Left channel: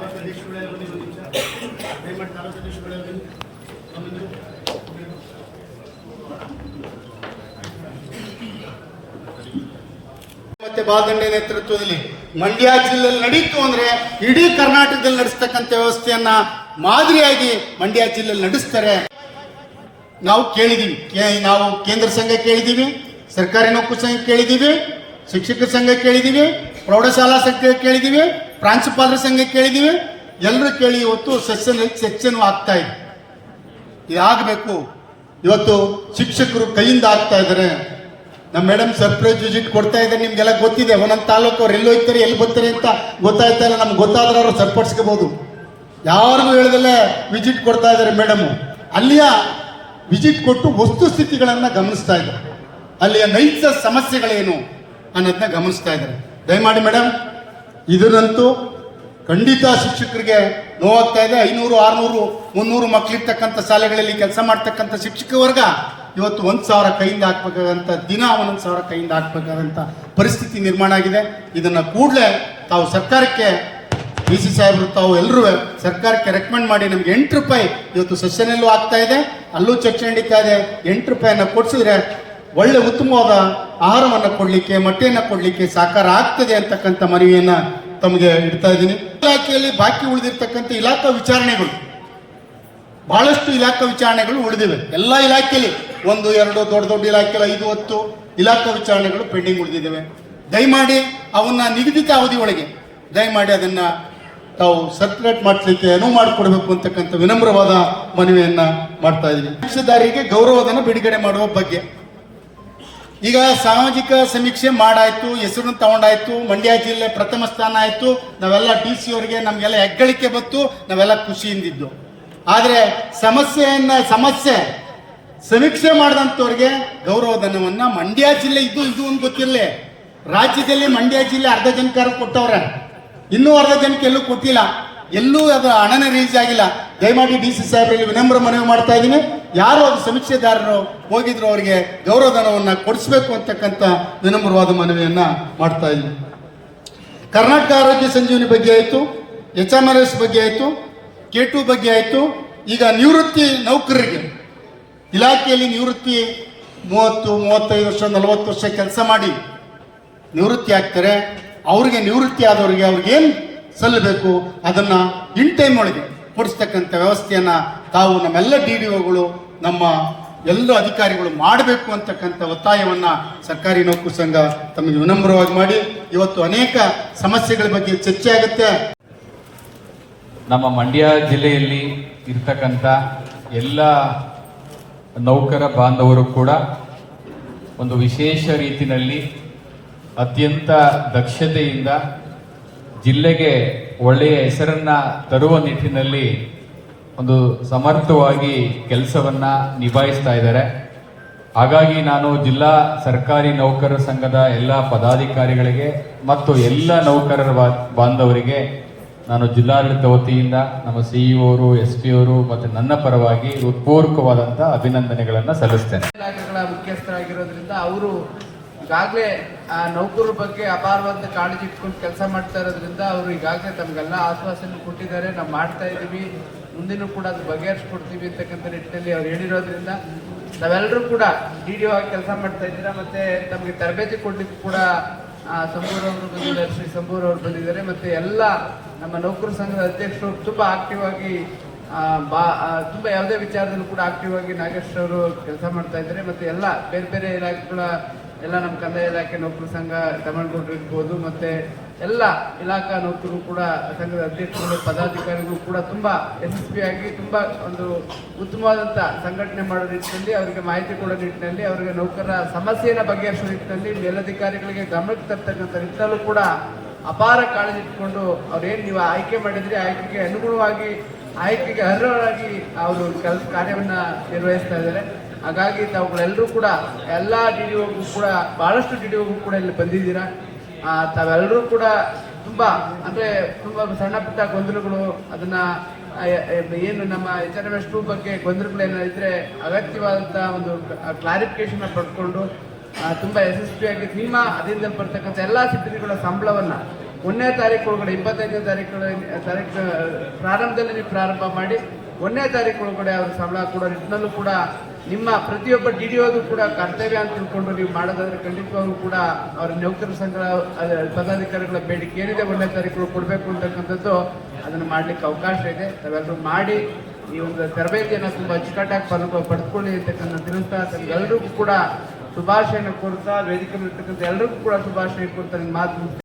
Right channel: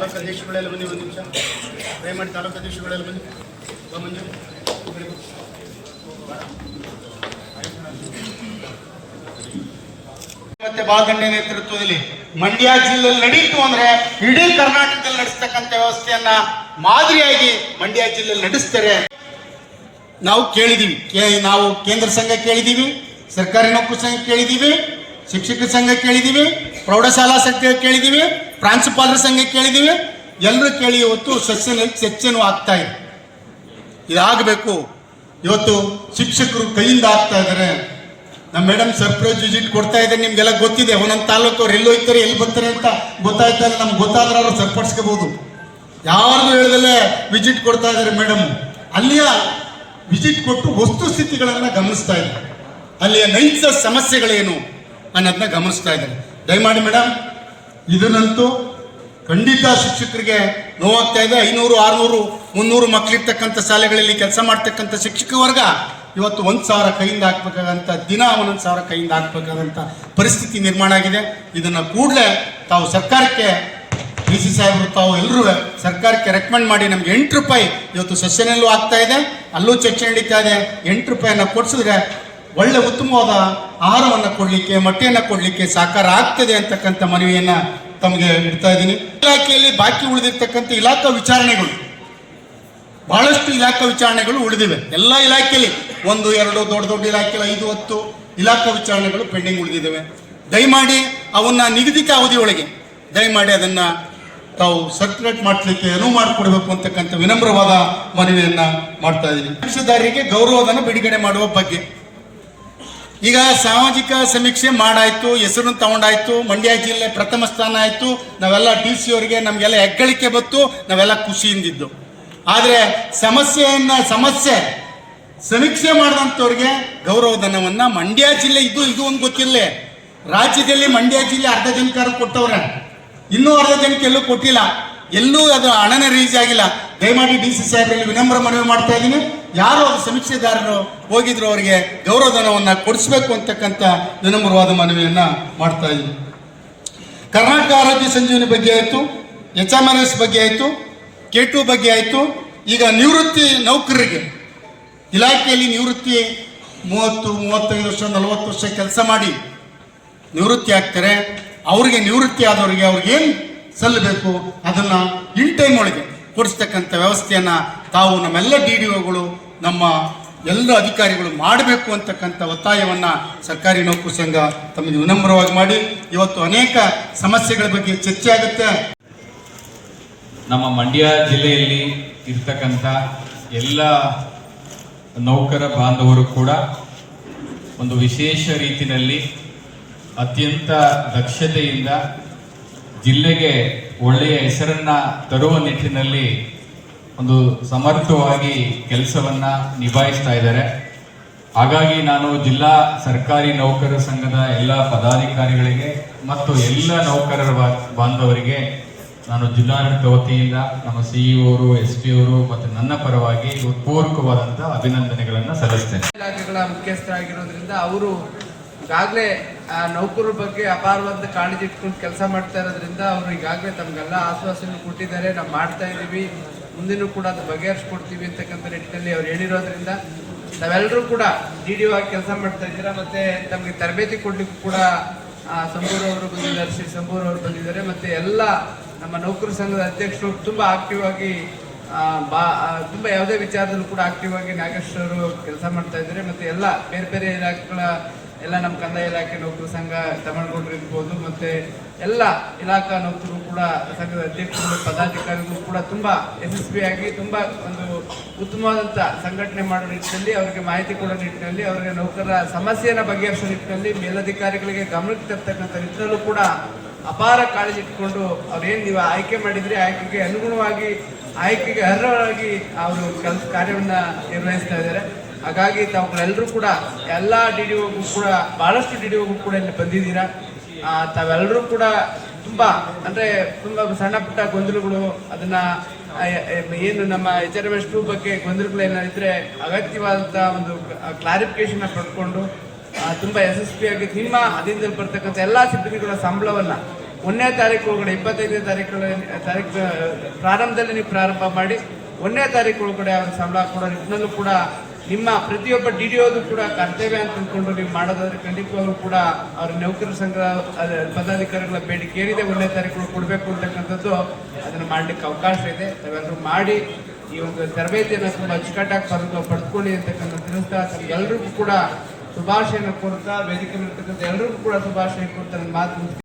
ಅಧ್ಯಕ್ಷಗಳೆಲ್ಲ ಬನ್ನಿ ಒಂದು ನಿಮಿಷ. ದಯಮಾಡಿ ತಾಲೂಕು ಅಧ್ಯಕ್ಷಗಳೆಲ್ಲ ಬನ್ನಿ. ಮತ್ತೆ ಬಾಲದಂಡ ನೇತೃತ್ವದಲ್ಲಿ ಮಂಡ್ಯ ಜಿಲ್ಲೆಯಲ್ಲಿ ನಡೀತು ಅಂದ್ರೆ ಇಡೀ ಕರ್ನಾಟಕದಲ್ಲಿ ನಡೆಸ್ತಕ್ಕಂಥ ವ್ಯವಸ್ಥೆಯನ್ನ ಮಾದರಿಯಾಗಿ ಮಂಡ್ಯ ಜಿಲ್ಲೆಯಲ್ಲಿ ನಡೆಸ್ತಾರೆ. ನಾವು ಕೇಳಿದೀವಿ. ನಾವು ಕೇಂದ್ರ ಸಂಘ ಕೇಳಿದೀವಿ, ಸರ್ಕಾರಿ ನೌಕರ ಸಂಘ ಕೇಳಿದೀವಿ ಶಿಕ್ಷಕ ಸಂಘ ಕೇಳಿದೀವಿ, ಪ್ರೌಢಶಾಲಾ ಸಂಘ ಕೇಳಿದೀವಿ ಪ್ರಾಂಶುಪಾಲರ ಸಂಘ ಕೇಳಿದೀವಿ. ಎಲ್ಲರೂ ಕೇಳಿ ಇವತ್ತು ಸೆಷನ್ ಸೆಕ್ಷನ್ ಆಗ್ತಾ ಇದೆ. ಇದಾಗಬೇಕು. ಇವತ್ತು ಶಿಕ್ಷಕರು ಕೈಯಿಂದ ಆಗ್ತಾ ಇದ್ದಾರೆ. ನಮ್ಮ ಮೇಡಮ್ ಸರ್ಪ್ರೈಸ್ ವಿಸಿಟ್ ಕೊಡ್ತಾ ಇದ್ದಾರೆ. ನಿಮ್ಗೆಲ್ಲ ಗೊತ್ತಿದೆ. ಒಂದೊಂದು ತಾಲೂಕು ಅವ್ರು ಎಲ್ಲಿ ಹೋಗ್ತಾರೆ, ಎಲ್ಲಿ ಬರ್ತಾರೆ ಅಂತ ಗೊತ್ತಾಯ್ತಾ ಇಲ್ಲ. ನಮ್ಗೆ ಗೊತ್ತಾದ್ರೆ ಅವ್ರು ಸರಿಪಡಿಸ್ಕೋಬಹುದು. ಯಾರಿಗೂ ಹೇಳದಲ್ಲೇ ವಿಸಿಟ್ ಕೊಡ್ತಾ ಇದ್ದಾರೆ ಮೇಡಮ್. ಅಲ್ಲಿಯ ವಿಸಿಟ್ ಕೊಟ್ಟು ವಸ್ತು ಸ್ಥಿತಿಗಳನ್ನು ಗಮನಿಸ್ತಾ ಇದ್ದಾರೆ. ಅಲ್ಲಿಯ ನೈಜ ಸಮಸ್ಯೆಗಳೇನು ಅನ್ನೋದನ್ನ ಗಮನಿಸ್ತಾ ಇದ್ದಾರೆ. ದಯಮಾಡಿ ಮೇಡಮ್ ಇದರಂತೂ ಖಂಡಿತ ಶಿಕ್ಷಕರಿಗೆ ನೋವಾಗ್ತಾ ಇದೆ ಐನೂರು, ಆರುನೂರು, ಮುನ್ನೂರು ಮಕ್ಕಳಿರ್ತಕ್ಕಂಥ ಶಾಲೆಗಳಲ್ಲಿ ಕೆಲಸ ಮಾಡ್ತಕ್ಕಂಥ ಶಿಕ್ಷಕ ವರ್ಗ ಇವತ್ತು ಒಂದು ಸಾವಿರ ಕೈಯಿಂದ ಹಾಕ್ಬೇಕಾದಂಥ ದಿನ ಒಂದೊಂದು ಸಾವಿರ ಕೈಯಿಂದ ಹಾಕ್ಬೇಕಾದಂಥ ಪರಿಸ್ಥಿತಿ ನಿರ್ಮಾಣ ಆಗಿದೆ. ಇದನ್ನು ಕೂಡಲೇ ತಾವು ಸರ್ಕಾರಕ್ಕೆ, ಡಿ ಸಿ ಸಾಹೇಬರು ತಾವು ಎಲ್ಲರೂ ಸರ್ಕಾರಕ್ಕೆ ರೆಕಮೆಂಡ್ ಮಾಡಿ ನಮ್ಗೆ ಎಂಟು ರೂಪಾಯಿ ಇವತ್ತು ಸಸ್ಯನಲ್ಲೂ ಆಗ್ತಾ ಇದೆ. ಅಲ್ಲೂ ಚರ್ಚೆ ನಡೀತಾ ಇದೆ. ಎಂಟು ರೂಪಾಯಿಯನ್ನು ಕೊಡಿಸಿದ್ರೆ ಒಳ್ಳೆ ಉತ್ತಮವಾದ ಆಹಾರವನ್ನು ಕೊಡಲಿಕ್ಕೆ, ಮೊಟ್ಟೆಯನ್ನು ಕೊಡಲಿಕ್ಕೆ ಸಾಕಾರ ಆಗ್ತದೆ ಅಂತಕ್ಕಂಥ ಮನವಿಯನ್ನ ತಮಗೆ ಇಡ್ತಾ ಇದ್ದೀನಿ. ಇಲಾಖೆಯಲ್ಲಿ ಬಾಕಿ ಉಳಿದಿರ್ತಕ್ಕಂಥ ಇಲಾಖಾ ವಿಚಾರಣೆಗಳು, ಬಹಳಷ್ಟು ಇಲಾಖಾ ವಿಚಾರಣೆಗಳು ಉಳಿದಿವೆ. ಎಲ್ಲ ಇಲಾಖೆಯಲ್ಲಿ ಒಂದು, ಎರಡು ದೊಡ್ಡ ದೊಡ್ಡ ಇಲಾಖೆಯಲ್ಲಿ ಐದು, ಹತ್ತು ಇಲಾಖಾ ವಿಚಾರಣೆಗಳು ಪೆಂಡಿಂಗ್ ಉಳಿದಿದ್ದಾವೆ. ದಯಮಾಡಿ ಅವನ್ನ ನಿಗದಿತ ಅವಧಿಯೊಳಗೆ, ದಯಮಾಡಿ ಅದನ್ನ ತಾವು ಸರ್ಕ್ಯುಲೇಟ್ ಮಾಡಲಿಕ್ಕೆ ಅನುವು ಮಾಡಿಕೊಡ್ಬೇಕು ಅಂತಕ್ಕಂಥ ವಿನಮ್ರವಾದ ಮನವಿಯನ್ನ ಮಾಡ್ತಾ ಇದ್ದೀನಿ. ಪಕ್ಷದಾರಿಗೆ ಗೌರವಧನ ಬಿಡುಗಡೆ ಮಾಡುವ ಬಗ್ಗೆ ಈಗ ಸಾಮಾಜಿಕ ಸಮೀಕ್ಷೆ ಮಾಡಾಯ್ತು, ಹೆಸರನ್ನು ತಗೊಂಡಾಯ್ತು, ಮಂಡ್ಯ ಜಿಲ್ಲೆ ಪ್ರಥಮ ಸ್ಥಾನ ಆಯ್ತು. ನಾವೆಲ್ಲ ಡಿ ಸಿ ಅವರಿಗೆ ನಮಗೆಲ್ಲ ಹೆಗ್ಗಳಿಕೆ ಬಂತು, ನಾವೆಲ್ಲ ಖುಷಿಯಿಂದಿದ್ದು. ಆದರೆ ಸಮಸ್ಯೆಯನ್ನ, ಸಮಸ್ಯೆ, ಸಮೀಕ್ಷೆ ಮಾಡಿದಂಥವ್ರಿಗೆ ಗೌರವಧನವನ್ನು ಮಂಡ್ಯ ಜಿಲ್ಲೆ ಇದು ಇದು ಒಂದು ಗೊತ್ತಿರಲಿ. ರಾಜ್ಯದಲ್ಲಿ ಮಂಡ್ಯ ಜಿಲ್ಲೆ ಅರ್ಧ ಜನಕಾರ ಕೊಟ್ಟವ್ರೆ. ಇನ್ನೂ ಅರ್ಧ ಜನಕ್ಕೆ ಎಲ್ಲೂ ಕೊಟ್ಟಿಲ್ಲ. ಎಲ್ಲೂ ಅದು ಹಣನ ರಿಲೀಸ್ ಆಗಿಲ್ಲ. ದಯಮಾಡಿ ಡಿ ಸಿ ಸಾಹೇಬರಲ್ಲಿ ವಿನಮ್ರ ಮನವಿ ಮಾಡ್ತಾ ಇದ್ದೀನಿ. ಯಾರು ಅದು ಸಮೀಕ್ಷೆದಾರರು ಹೋಗಿದ್ರು, ಅವರಿಗೆ ಗೌರವಧನವನ್ನ ಕೊಡಿಸ್ಬೇಕು ಅಂತಕ್ಕಂಥ ವಿನಮ್ರವಾದ ಮನವಿಯನ್ನ ಮಾಡ್ತಾ ಇದ್ದೀನಿ ಕರ್ನಾಟಕ ಆರೋಗ್ಯ ಸಂಜೀವಿನಿ ಬಗ್ಗೆ ಆಯಿತು ಎಚ್ ಎಂ ಆರ್ ಎಸ್ ಬಗ್ಗೆ ಆಯಿತು, ಕೆ ಟು ಬಗ್ಗೆ ಆಯಿತು. ಈಗ ನಿವೃತ್ತಿ ನೌಕರರಿಗೆ, ಇಲಾಖೆಯಲ್ಲಿ ನಿವೃತ್ತಿ ಮೂವತ್ತು, ಮೂವತ್ತೈದು ವರ್ಷ, ನಲವತ್ತು ವರ್ಷ ಕೆಲಸ ಮಾಡಿ ನಿವೃತ್ತಿ ಆಗ್ತಾರೆ. ಅವರಿಗೆ ನಿವೃತ್ತಿ ಆದವರಿಗೆ ಅವ್ರಿಗೆ ಏನು ಸಲ್ಲಬೇಕು? ಅದನ್ನ ಇನ್ ಟೈಮ್ ಒಳಗೆ ಕೊಡಿಸ್ತಕ್ಕಂಥ ವ್ಯವಸ್ಥೆಯನ್ನ ತಾವು ನಮ್ಮೆಲ್ಲ ಡಿ ಡಿ ಒಗಳು, ನಮ್ಮ ಎಲ್ಲ ಅಧಿಕಾರಿಗಳು ಮಾಡಬೇಕು ಅಂತಕ್ಕಂಥ ಒತ್ತಾಯವನ್ನು ಸರ್ಕಾರಿ ನೌಕರ ಸಂಘ ತಮಗೆ ವಿನಮ್ರವಾಗಿ ಮಾಡಿ. ಇವತ್ತು ಅನೇಕ ಸಮಸ್ಯೆಗಳ ಬಗ್ಗೆ ಚರ್ಚೆ ಆಗುತ್ತೆ. ನಮ್ಮ ಮಂಡ್ಯ ಜಿಲ್ಲೆಯಲ್ಲಿ ಇರ್ತಕ್ಕಂಥ ಎಲ್ಲ ನೌಕರ ಬಾಂಧವರು ಕೂಡ ಒಂದು ವಿಶೇಷ ರೀತಿಯಲ್ಲಿ ಅತ್ಯಂತ ದಕ್ಷತೆಯಿಂದ ಜಿಲ್ಲೆಗೆ ಒಳ್ಳೆಯ ಹೆಸರನ್ನ ತರುವ ನಿಟ್ಟಿನಲ್ಲಿ ಒಂದು ಸಮರ್ಥವಾಗಿ ಕೆಲಸವನ್ನ ನಿಭಾಯಿಸ್ತಾ ಇದ್ದಾರೆ. ಹಾಗಾಗಿ ನಾನು ಜಿಲ್ಲಾ ಸರ್ಕಾರಿ ನೌಕರರ ಸಂಘದ ಎಲ್ಲ ಪದಾಧಿಕಾರಿಗಳಿಗೆ ಮತ್ತು ಎಲ್ಲ ನೌಕರರ ಬಾಂಧವರಿಗೆ ನಾನು ಜಿಲ್ಲಾಡಳಿತ ವತಿಯಿಂದ ನಮ್ಮ ಸಿಇಒರು ಎಸ್ ಪಿ ಅವರು ಮತ್ತು ನನ್ನ ಪರವಾಗಿ ಪೂರ್ವಕವಾದಂತಹ ಅಭಿನಂದನೆಗಳನ್ನು ಸಲ್ಲಿಸ್ತೇನೆ. ಇಲಾಖೆಗಳ ಮುಖ್ಯಸ್ಥರಾಗಿರೋದ್ರಿಂದ ಅವರು ಈಗಾಗಲೇ ಆ ನೌಕರರ ಬಗ್ಗೆ ಅಪಾರವಾದ ಕಾಳಜಿ ಇಟ್ಕೊಂಡು ಕೆಲಸ ಮಾಡ್ತಾ ಇರೋದ್ರಿಂದ ಅವರು ಈಗಾಗಲೇ ತಮಗೆಲ್ಲ ಆಶ್ವಾಸನೆ ಕೊಟ್ಟಿದ್ದಾರೆ. ನಾವು ಮಾಡ್ತಾ ಇದ್ದೀವಿ. ಮುಂದಿನೂ ಕೂಡ ಅದು ಬಗೆಹರಿಸ್ಕೊಡ್ತೀವಿ ಅಂತಕ್ಕಂಥ ನಿಟ್ಟಿನಲ್ಲಿ ಅವ್ರು ಹೇಳಿರೋದ್ರಿಂದ ನಾವೆಲ್ಲರೂ ಕೂಡ ಡಿ ಡಿ ಆಗಿ ಕೆಲಸ ಮಾಡ್ತಾ ಇದ್ದೀರಾ ಮತ್ತೆ ತಮಗೆ ತರಬೇತಿ ಕೊಡ್ಲಿಕ್ಕೂ ಕೂಡ ಆ, ಸಂಬೂರ್ ಅವರು ಬಂದಿದ್ದಾರೆ ಶ್ರೀ ಸಂಬೂರ್ ಅವರು ಬಂದಿದ್ದಾರೆ ಮತ್ತೆ ಎಲ್ಲ ನಮ್ಮ ನೌಕರ ಸಂಘದ ಅಧ್ಯಕ್ಷರು ತುಂಬ ಆಕ್ಟಿವ್ ಆಗಿ ಬಾ ತುಂಬ ತುಂಬಾ ಯಾವುದೇ ವಿಚಾರದಲ್ಲೂ ಕೂಡ ಆಕ್ಟಿವ್ ಆಗಿ ನಾಗೇಶ್ ಅವರು ಕೆಲಸ ಮಾಡ್ತಾ ಇದ್ದಾರೆ ಮತ್ತೆ ಎಲ್ಲ ಬೇರೆ ಬೇರೆ ಇಲಾಖೆಗಳ ಎಲ್ಲ ನಮ್ಮ ಕಂದಾಯ ಇಲಾಖೆ ನೌಕರ ಸಂಘ ತಮಿಳುಗೌಡರು ಇರ್ಬೋದು ಮತ್ತೆ ಎಲ್ಲ ಇಲಾಖಾ ನೌಕರರು ಕೂಡ ಸಂಘದ ಅಧ್ಯಕ್ಷರು, ಪದಾಧಿಕಾರಿಗಳು ಕೂಡ ತುಂಬಾ ಯಶಸ್ವಿಯಾಗಿ, ತುಂಬಾ ಒಂದು ಉತ್ತಮವಾದಂಥ ಸಂಘಟನೆ ಮಾಡೋ ನಿಟ್ಟಿನಲ್ಲಿ, ಅವರಿಗೆ ಮಾಹಿತಿ ಕೊಡೋ ನಿಟ್ಟಿನಲ್ಲಿ, ಅವರಿಗೆ ನೌಕರರ ಸಮಸ್ಯೆಯನ್ನು ಬಗೆಹರಿಸೋ ನಿಟ್ಟಿನಲ್ಲಿ ಮೇಲಧಿಕಾರಿಗಳಿಗೆ ಗಮನಕ್ಕೆ ತರ್ತಕ್ಕಂಥ ನಿಟ್ಟಿನಲ್ಲೂ ಕೂಡ ಅಪಾರ ಕಾಳಜಿ ಇಟ್ಕೊಂಡು ಅವ್ರೇನು ನೀವು ಆಯ್ಕೆ ಮಾಡಿದ್ರಿ, ಆಯ್ಕೆಗೆ ಅನುಗುಣವಾಗಿ, ಆಯ್ಕೆಗೆ ಅರ್ಹರಾಗಿ ಅವರು ಕೆಲಸ ಕಾರ್ಯವನ್ನು ನಿರ್ವಹಿಸ್ತಾ ಇದ್ದಾರೆ. ಹಾಗಾಗಿ ತಾವುಗಳೆಲ್ಲರೂ ಕೂಡ ಎಲ್ಲ ಡಿ ಡಿ ಕೂಡ ಭಾಳಷ್ಟು ಡಿ ಡಿ ಕೂಡ ಇಲ್ಲಿ ಬಂದಿದ್ದೀರಾ. ತಾವೆಲ್ಲರೂ ಕೂಡ ತುಂಬಾ, ಅಂದ್ರೆ ತುಂಬಾ ಸಣ್ಣ ಪುಟ್ಟ ಗೊಂದಲಗಳು, ಅದನ್ನ ಏನು ನಮ್ಮ H R M S two ಬಗ್ಗೆ ಗೊಂದಲಗಳೇನಾದಿದ್ರೆ ಅಗತ್ಯವಾದಂಥ ಒಂದು ಕ್ಲಾರಿಫಿಕೇಶನ್ ಪಡ್ಕೊಂಡು ತುಂಬ ಯಶಸ್ವಿಯಾಗಿ ನಿಮ್ಮ ಅದಿಂದ ಬರ್ತಕ್ಕಂಥ ಎಲ್ಲಾ ಸಿಬ್ಬಂದಿಗಳ ಸಂಬಳವನ್ನು ಒಂದನೇ ತಾರೀಕು ಒಳಗಡೆ, ಇಪ್ಪತ್ತೈದನೇ ತಾರೀಕು ತಾರೀಕು ಪ್ರಾರಂಭದಲ್ಲಿ ನೀವು ಪ್ರಾರಂಭ ಮಾಡಿ, ಒಂದನೇ ತಾರೀಕು ಒಳಗಡೆ ಅವ್ರ ಸಂಬಳ ಕೂಡ ನಿಟ್ಟಿನಲ್ಲೂ ಕೂಡ ನಿಮ್ಮ ಪ್ರತಿಯೊಬ್ಬ ಡಿ ಡಿ ಓದು ಕೂಡ ಕರ್ತವ್ಯ ಅಂತ ತಿಳ್ಕೊಂಡು ನೀವು ಮಾಡೋದಾದ್ರೆ ಖಂಡಿತವಾಗ್ಲೂ ಕೂಡ ಅವ್ರ ನೌಕರರ ಸಂಘ ಪದಾಧಿಕಾರಿಗಳ ಬೇಡಿಕೆ ಏನಿದೆ ಒಂದನೇ ತಾರೀಕು ಕೊಡಬೇಕು ಅಂತಕ್ಕಂಥದ್ದು ಅದನ್ನು ಮಾಡ್ಲಿಕ್ಕೆ ಅವಕಾಶ ಇದೆ. ತಾವೆಲ್ಲರೂ ಮಾಡಿ ಈ ಒಂದು ತರಬೇತಿಯನ್ನು ತುಂಬ ಅಚ್ಚುಕಟ್ಟಾಗಿ ಪಡೆದು ಪಡೆದುಕೊಳ್ಳಿ ಅಂತಕ್ಕಂಥ ತಿಳಿಸ್ತಾ ಎಲ್ರಿಗೂ ಕೂಡ ಶುಭಾಶಯನ ಕೋರ್ತಾ ವೇದಿಕೆ ಎಲ್ರಿಗೂ ಕೂಡ ಶುಭಾಶಯ ಕೊಡ್ತಾರೆ ಮಾತು